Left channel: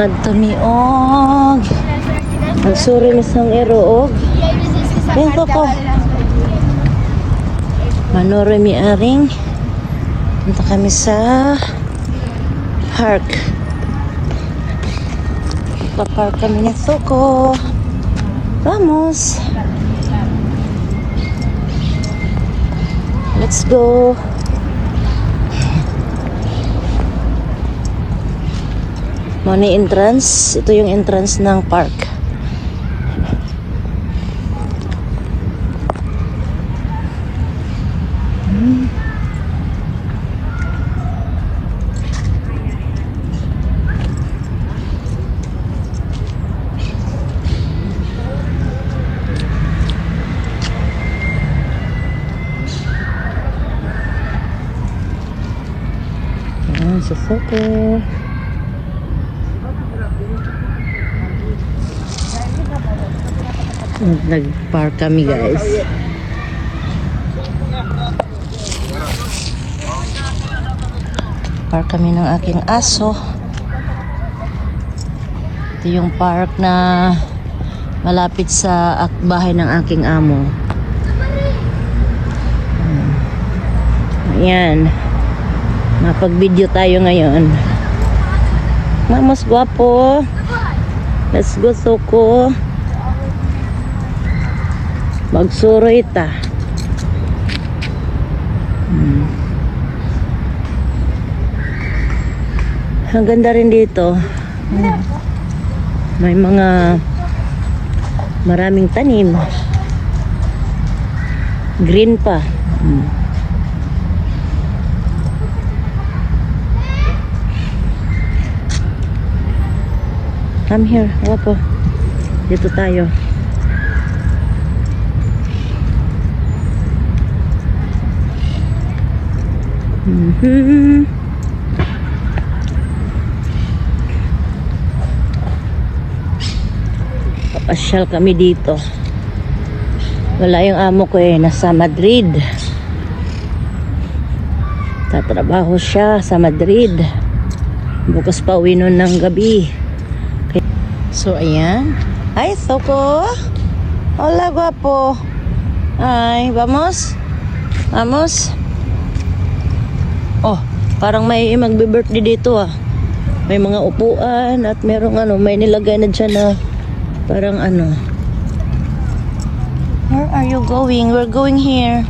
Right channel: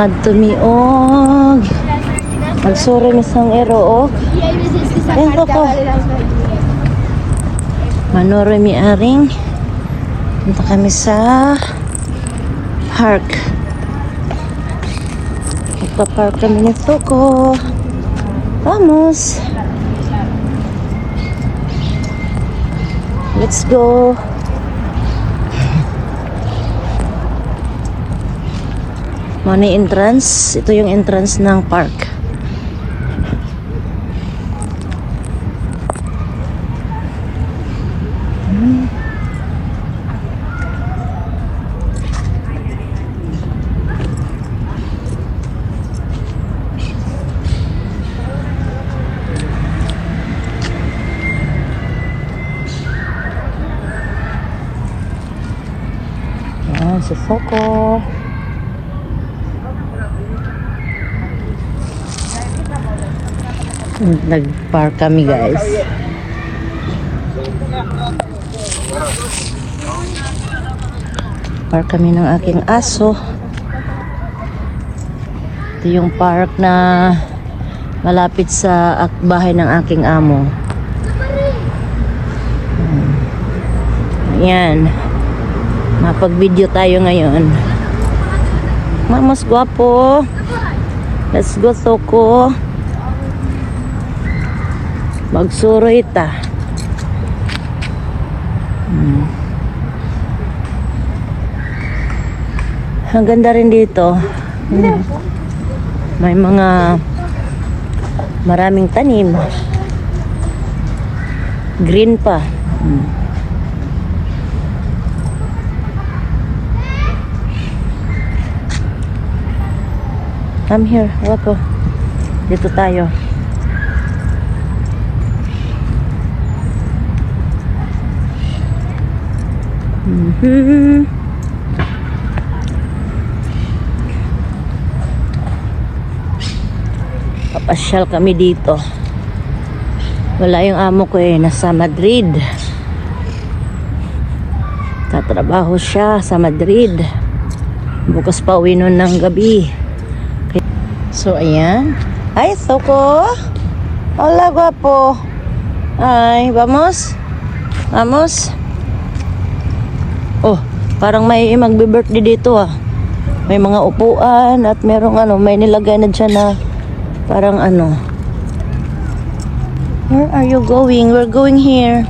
Ngadto miog. Magsura mi sang ero, oh. Ay, papa. Manoro mi aring. Punta kami sa park. Magpapark kami ni Soko. Vamos. Let's go. Mana entrance? Ito yung entrance ng park. Si Soko. Nag-park kami, guys. Park kami ng aking aso. Ito yung park na malapit sa bahay ng aking amo. Yan. Mapag-video tayo ngayon. Vamos, guapo. Let's go, Soko. Magsuro ita. Ang ganda rin dito. May mga maraming tanim. Green pa. Come here, wapo. Dito tayo. Papasyal kami dito. Wala yung amo ko eh, nasa Madrid. Natrabaho siya sa Madrid. Bukas pa uwi nun ng gabi. So, ayan. Ay, Soko. Hola, guapo. Ay, vamos. Vamos. Oh, parang may magbe-birthday dito ah. May mga upuan at merong may nilagay na dyan na parang Where are you going? We're going here.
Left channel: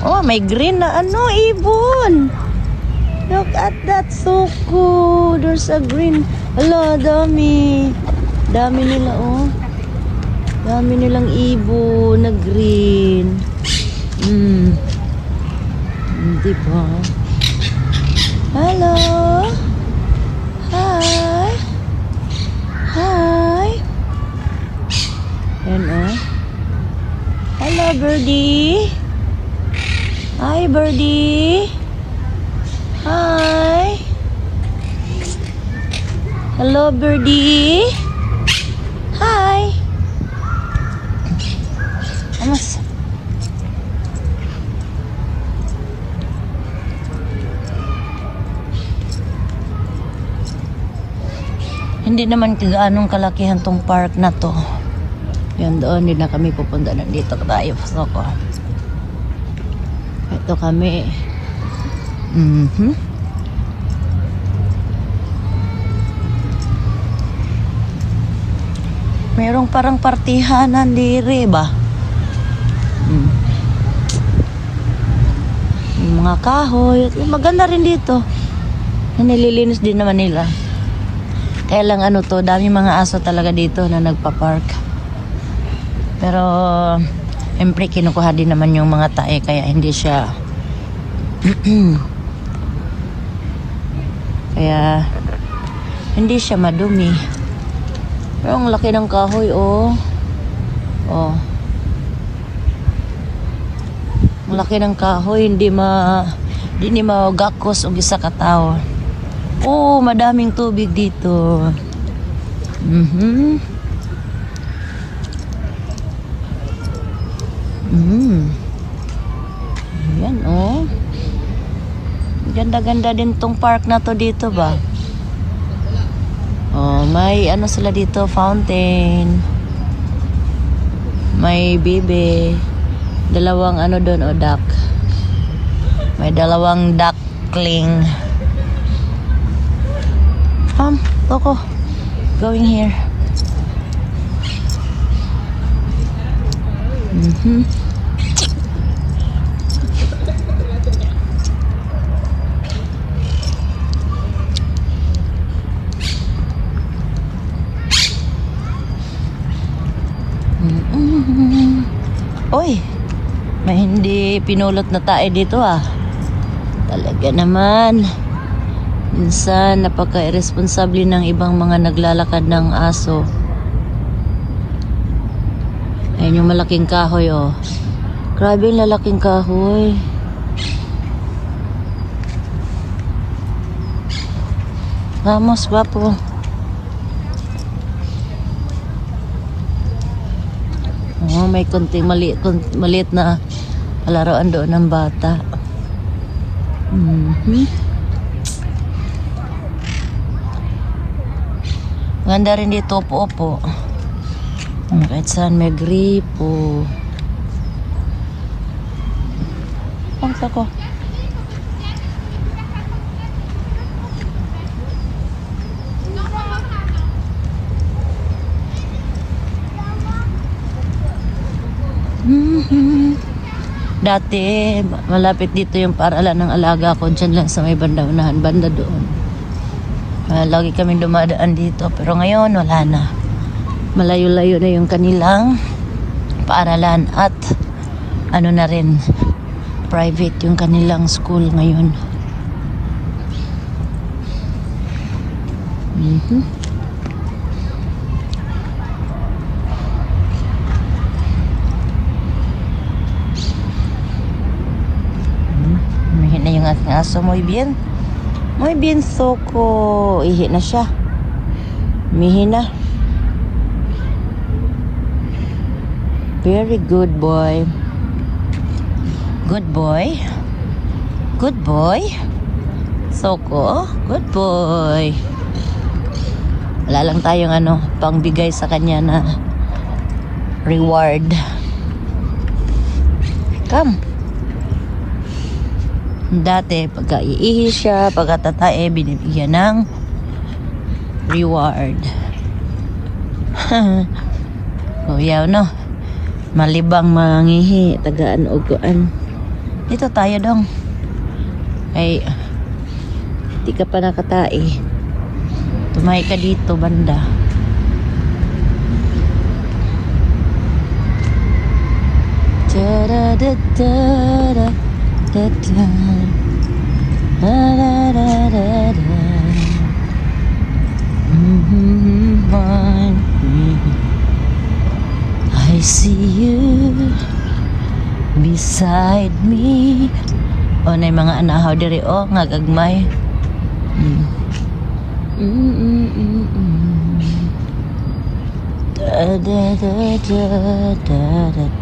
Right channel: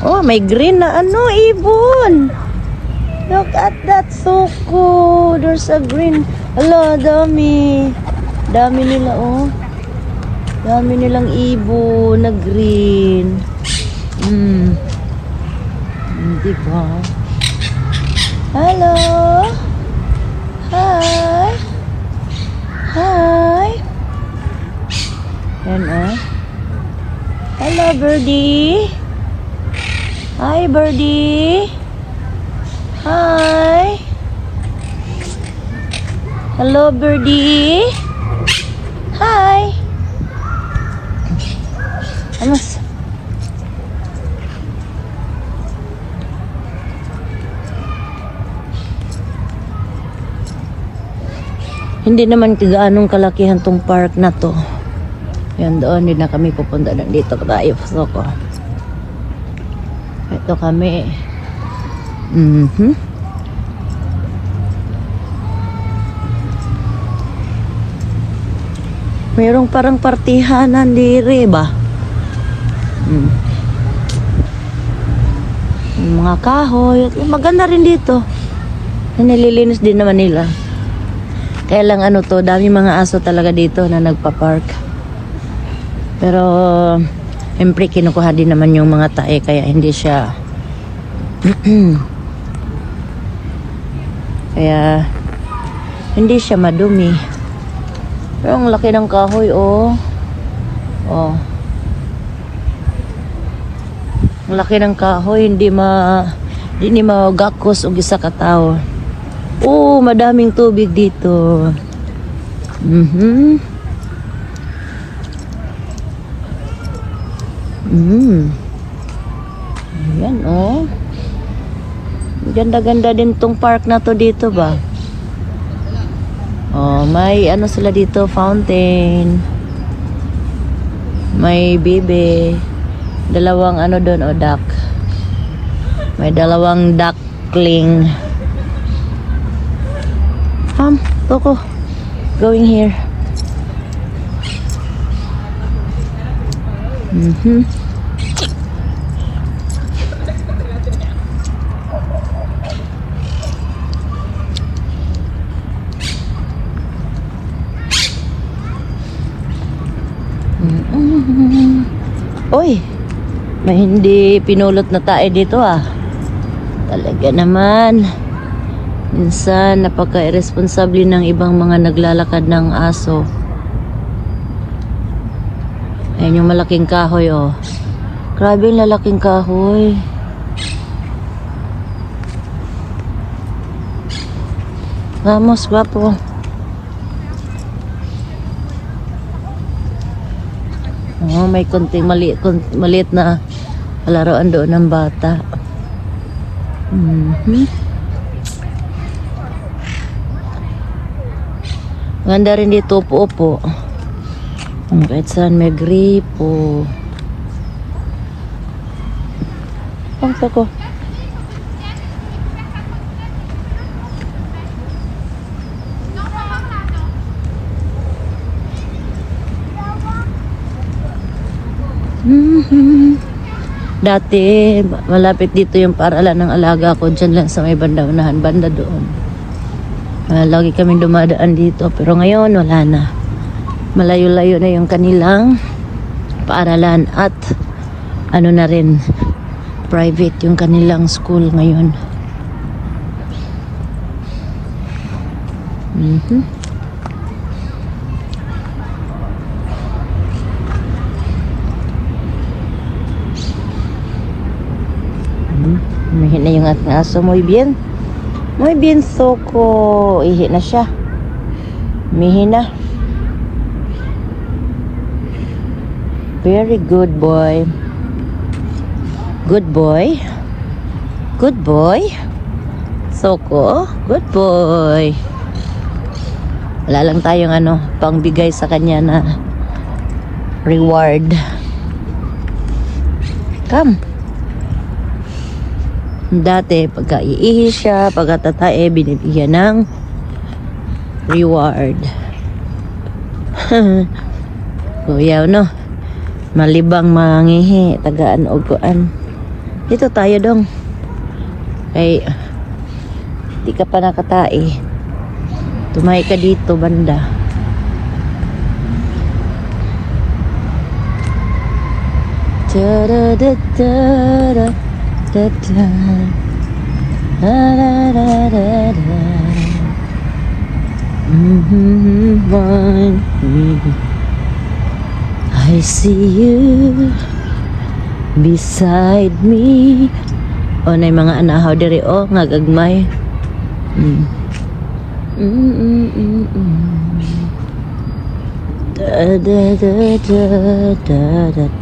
Oh, may green na ibon. Look at that, Soko. There's a green. Ala, dami. Dami nila, oh. Dami nilang ibon na green. Diba? Hello. Hi. Hi. Yan, oh. Hello, birdie. Hi, birdie. Hi. Hello, birdie. Hi. Alas. Hindi naman gaanong kalakihan tong park na to. Yan doon, hindi na kami pupunta na dito tayo. So, ito kami. Mayroong parang partihanan dire ba? Mga kahoy. Maganda rin dito. Nililinis din naman nila. Kaya lang dami mga aso talaga dito na nagpa-park. Pero siyempre kinukuha din naman yung mga tae kaya hindi siya kaya hindi siya madumi. Pero ang laki ng kahoy, oh. Oh. Ang laki ng kahoy, hindi magakos og isa ka tao. Oh, madaming tubig dito. Ayan, oh. Ganda-ganda din tong park na to dito ba? Oh, may ano sila dito, fountain. May bibe. Dalawang ano doon, o duck. May dalawang duckling. Coco. Going here. Oy, may hindi pinulot na tayo dito Talaga naman. Minsan napaka-irresponsable ng ibang mga naglalakad ng aso. Ayan yung malaking kahoy Grabe yung lalaking kahoy. Vamos, guwapo. May konting maliit na laruan doon ng bata. Ganda rin dito upo-upo. Kahit saan may gripo. Ang sako. Dati malapit dito yung paaralan ng alaga ko, dyan lang sa may banda unahan, banda doon. Lagi kami dumadaan dito, pero ngayon wala na. Malayo-layo na yung kanilang paaralan at ano na rin, private yung kanilang school ngayon. Ihi na yung aking aso. Muy bien. Muy bien, Soko. Ihi na siya. Mihi na. Very good boy. Good boy. Good boy. Soko. Good boy. Wala lang tayong pangbigay sa kanya na reward. Come. Dati, pagka iihi siya, pagkatatae, binibigyan ng reward. Kuya, malibang mangihi, tagaan o kuan. Dito tayo dong. Ay, di ka pa nakatae. Tumahi ka dito, banda. Ta-da-da-da-da. Da da da da da da. I see you beside me. Na mga anahaw diri nga gagmay. Da da da da da da.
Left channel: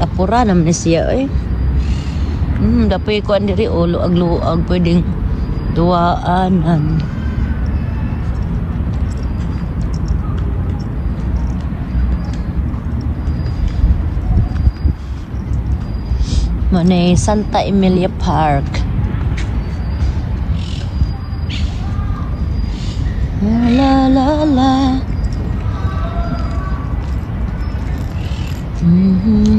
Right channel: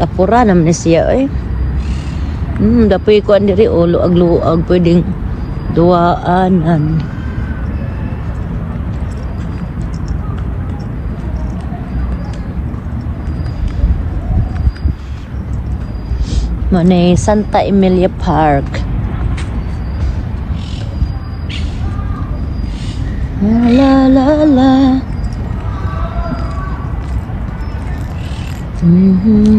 Kapura naman siya dapoy ko andiri luag-luag pwedeng duaanan. Manay Santa Emilia Park. La la la.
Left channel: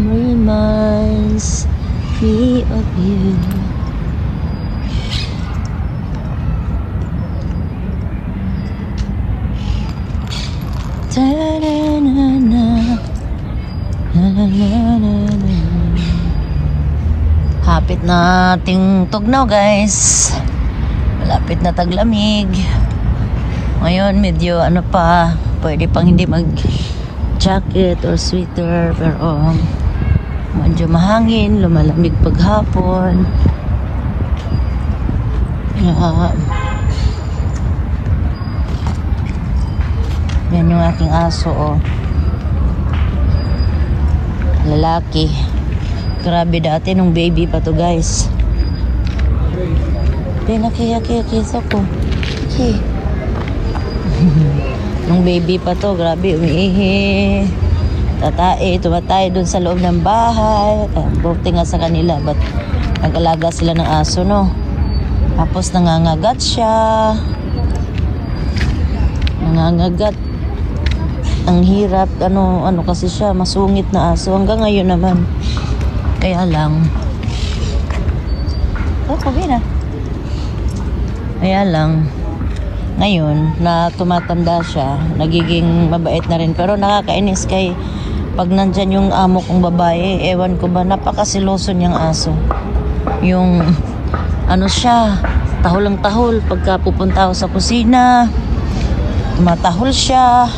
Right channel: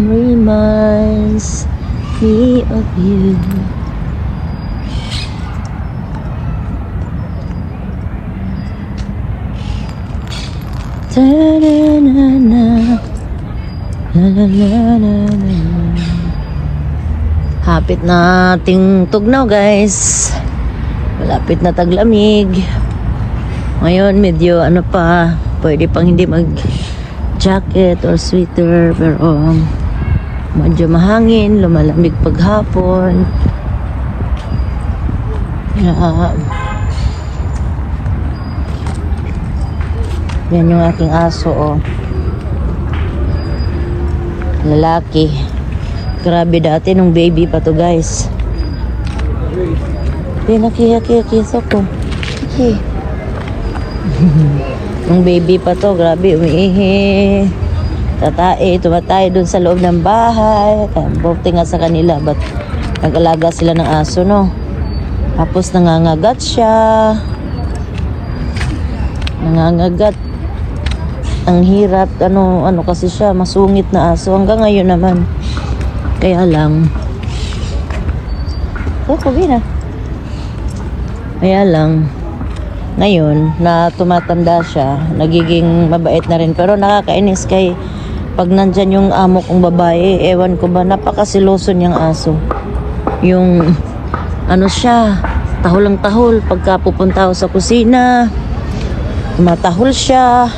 Reminds me of you. Ta-da-na-na. La la la la la. Hapit na ating tugnaw, guys. Malapit na taglamig. Ngayon medyo pwede pang hindi mag jacket or sweater, pero medyo mahangin, lumalamig paghapon. Yan yung aking aso Lalaki. Grabe dati nung baby pa to guys. Pinaki Soko. Okay. Nung baby pa to, grabe, umiihi. Tumatay dun sa loob ng bahay. Buti nga sa kanila, but nag-alaga sila ng aso, no? Tapos nangangagat siya. Nangangagat. Ang hirap, ano kasi siya, masungit na aso. Hanggang ngayon naman. Kaya lang. Kaya lang. Ngayon, na tumatanda siya, nagiging mabait na rin. Pero nakakainis kay pag nandyan yung amo kong babae, ewan ko ba, napakasiloso niyang aso. Yung, siya, tahol ang tahol. Pagka pupunta ako sa kusina, tumatahol siya.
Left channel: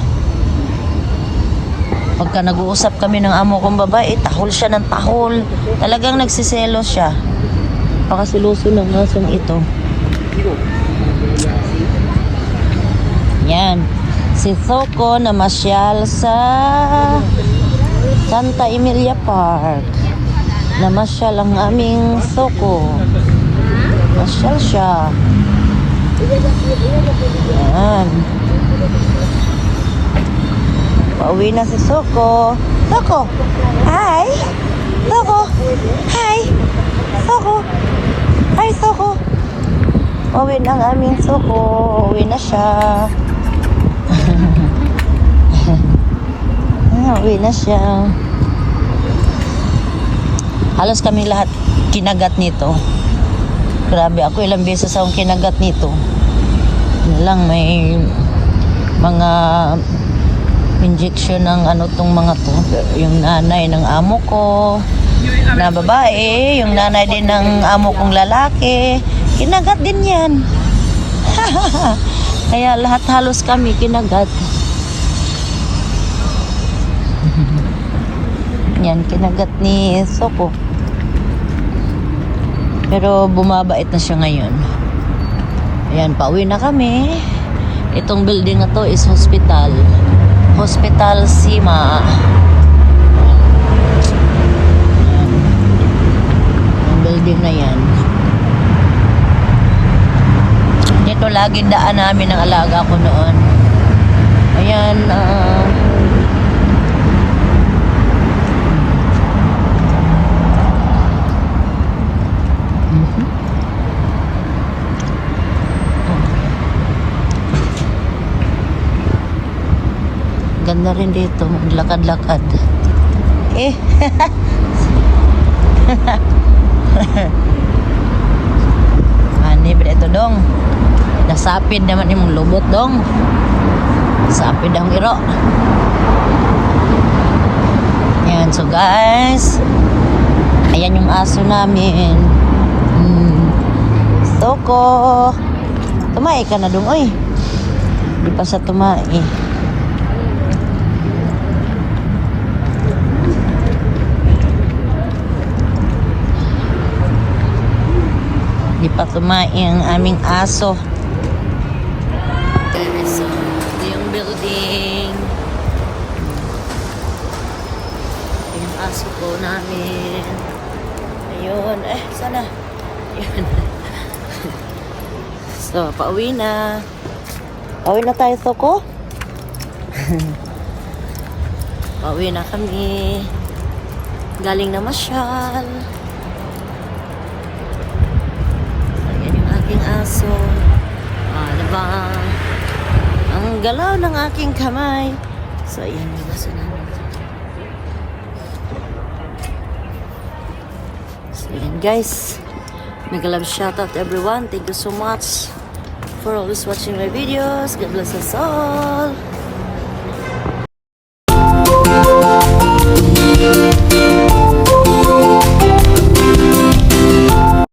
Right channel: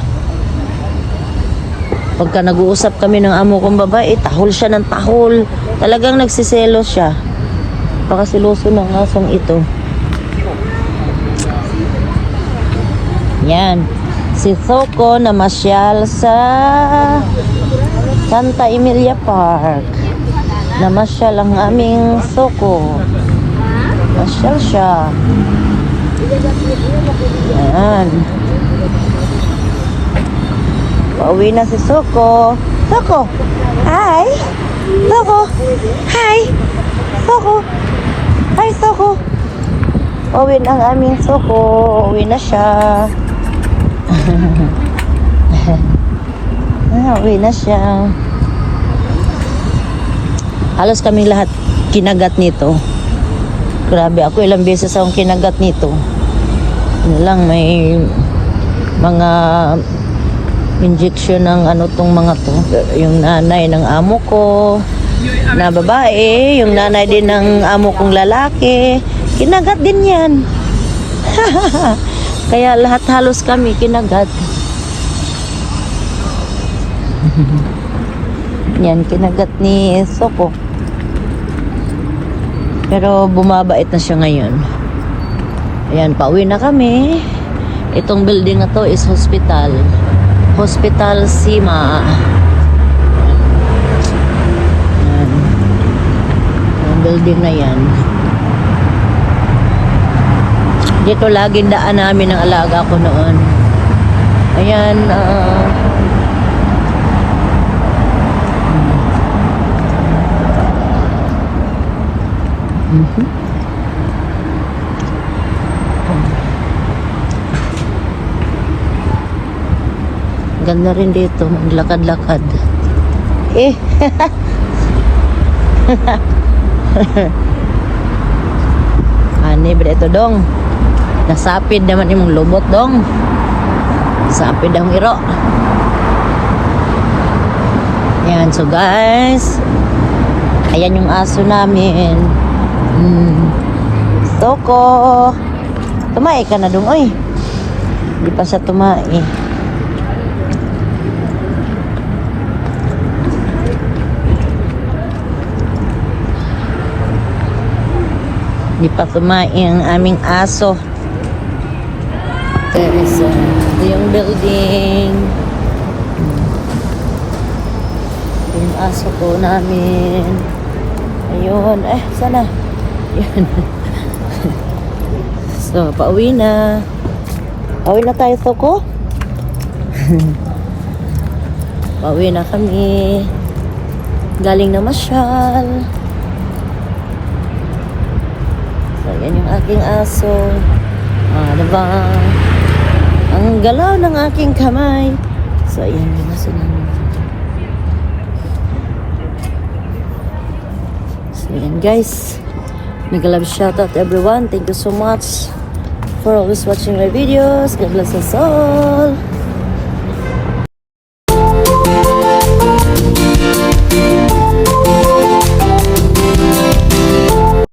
Pagka nag-uusap kami ng amo kong babae, tahol siya ng tahol. Talagang nagsiselo siya. Napakasiloso ng asong ito. Yan. Si Soko namasyal sa Santa Emilia Park. Namasyal ang aming Soko. Masyal siya. Yan. Pauwi na si Soko. Soko! Hi! Soko! Hi! Soko! Hi, Soko! Pauwi na ang aming Soko. Uwi na siya. Uwi na siya. Halos kaming lahat kinagat nito. Grabe, ako ilang beses akong kinagat nito. Yun lang, may mga injection ng tong mga to. Yung nanay ng amo ko na babae, yung nanay din ng amo kong lalaki, kinagat din yan. Kaya lahat halos kami kinagat. Yan, kinagat ni Soko. Pero bumabait na siya ngayon. Ayan, pauwi na kami. Itong building na to is hospital. Hospital Sima. Ayan. Yung building na yan. Dito lagi daan namin ang alaga ko noon. Ayan, ganda rin dito, maglakad-lakad. Ani ba ito dong? Nasapid naman yung lumot dong. Nasapid ang iro. Yan, so guys, ayan yung aso namin. Soko, tumae ka na dong, oy. Hindi pa siya tumae. Hindi pa tumae ang aming aso. So, ito yung building. Ito yung aso ko namin. Ayun, sana. Yan. So, pauwi na. Pauwi na tayo, Soko. Pauwi na kami. Galing na masyal. So, yan yung aking aso. Diba? Ang galaw ng aking kamay. So, ayan yung aso namin. So, ayan guys. Mega love shoutout everyone. Thank you so much for always watching my videos. God bless us all.